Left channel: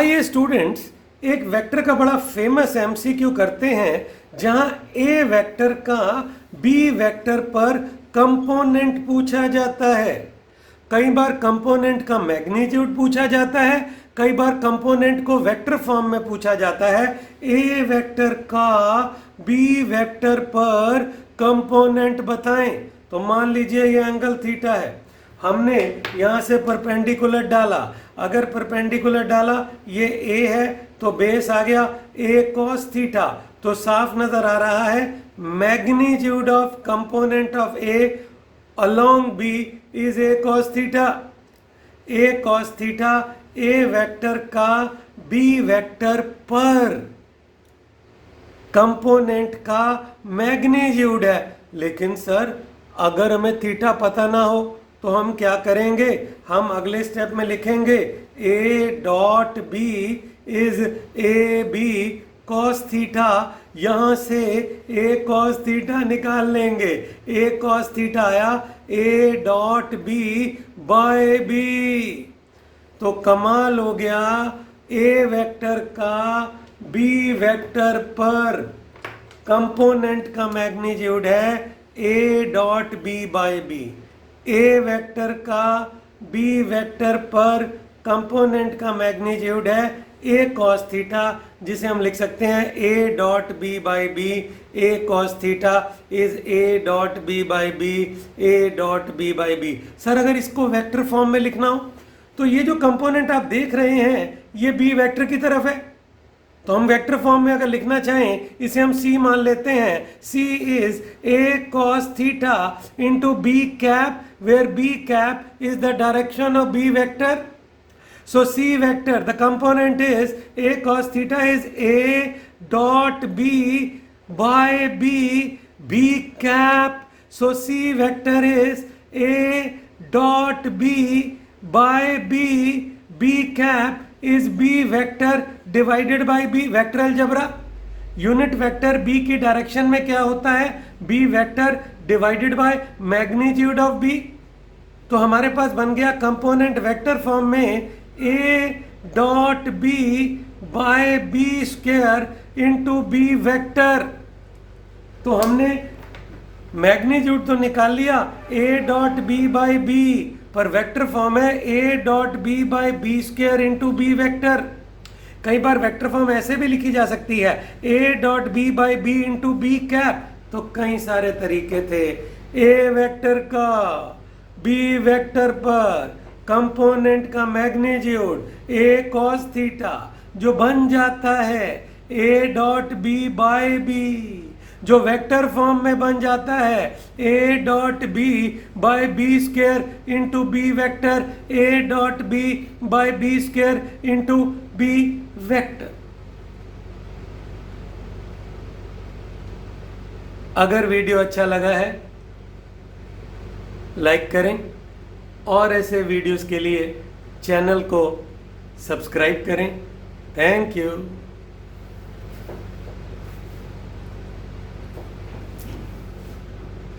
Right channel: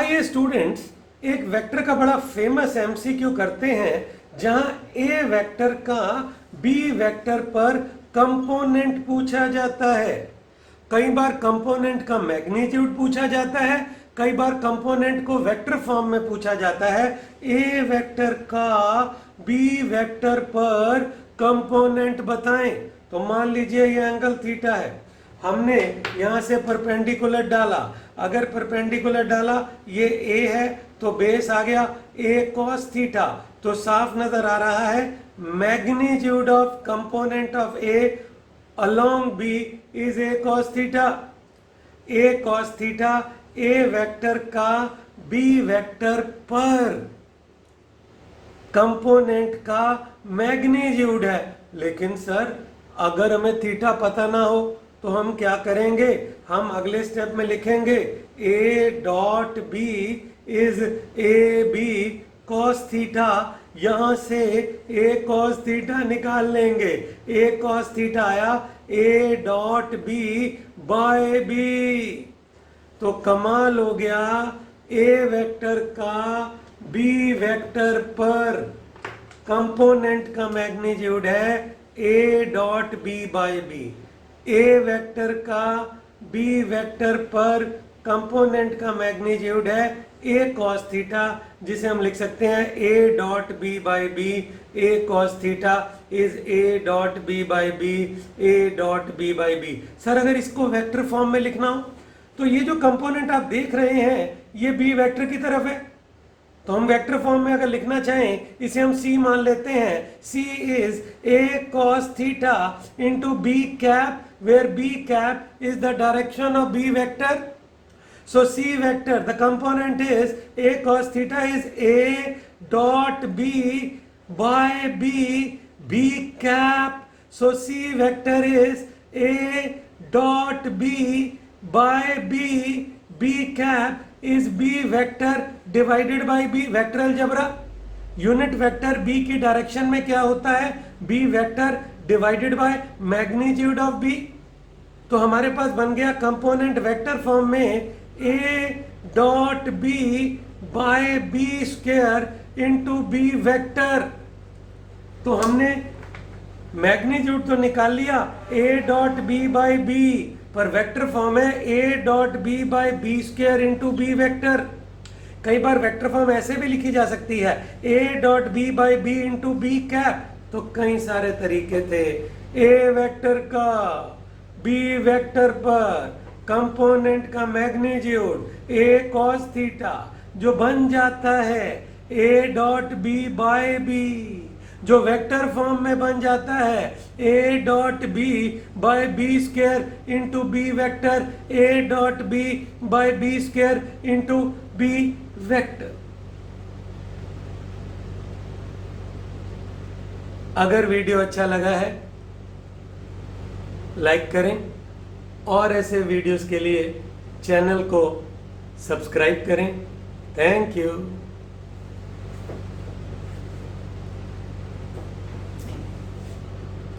आइए स्टूडेंट्स एक वेक्टर का बड़ा फेमस एमसीक्यू करते हैं जहां ए वेक्टर का बी वेक्टर पर कंपोनेंट पूछा जाता है। कई बार कंपोनेंट का मैग्नीट्यूड पूछा जाता है, कई बार कंपोनेंट को वेक्टर फॉर्म में पूछा जाता है। ए वेक्टर का बी वेक्टर पर कंपोनेंट बताएं। तो मान लीजिए ये एंगल थीटा है, हमने यहां से परपेंडिकुलर डाला। अगर परपेंडिकुलर डाला, ये ए है तो बेस आ गया ए कॉस थीटा। तो साफ नजर आ रहा है magnitude of component of A along B is a cos theta। A cos theta A vector का B वेक्टर पर कंपोनेंट का मैग्नीट्यूड है। लेकिन सर अगर हमें थीटा पता ना हो तो हम क्या करेंगे? हम अगले स्टेप में लिखेंगे A dot b is a b cos theta. यहां से a cos थीटा निकाल लेंगे। a cos थीटा आया a dot b by b. तो कमाल हो गया, a वेक्टर का b वेक्टर पर कंपोनेंट का मैग्नीट्यूड है a dot b by b. a vector का b वेक्टर पर कंपोनेंट का मैग्नीट्यूड है a cos थीटा, जिसे हम लिख सकते हैं a dot b by b. a cos theta is a dot b by b, a dot b by b. Sir अगर इसको वेक्टर फॉर्म में लिखना हो तो ये जो कंपोनेंट आप देख रहे हैं ये b वेक्टर की तरफ है। तो हम वेक्टर फॉर्म में अगर लिखना चाहें, इसे हम c मान लेते हैं। c is a cos theta into b cap, where b cap is the direction of b vector. So C vector, the component is a cos theta is a dot b by b, b cap. So C vector is a dot b by b, b cap is b vector divided by b। Vector algebra, unit vector b की direction में क्या होता है? b vector divided by magnitude of b। तो हमारे पास बन गया कंपोनेंट वेक्टर फॉर्म में a dot b by b square into b vector. तो हमने मैग्नीट्यूड तो निकाल लिया a dot b by b, पर वेक्टर फॉर्म है a dot b by b square into b vector. कई बार वेक्टर फॉर्म ऐसे भी लिखी जा सकती है a dot b by b into b cap. तो कई सारे तरीके थे। a वेक्टर का b वेक्टर पर कंपोनेंट का मैग्नीट्यूड a cos थीटा जो बन जाता है a dot b by b, जो वेक्टर फॉर्म में बन जाता है a dot b by b square into b vector, a dot b by b square into b vector. अगर वीडियो अच्छा लगा है लाइक करें और ऐसे वीडियोस के लिए चैनल को सब्सक्राइब करें। Thank you.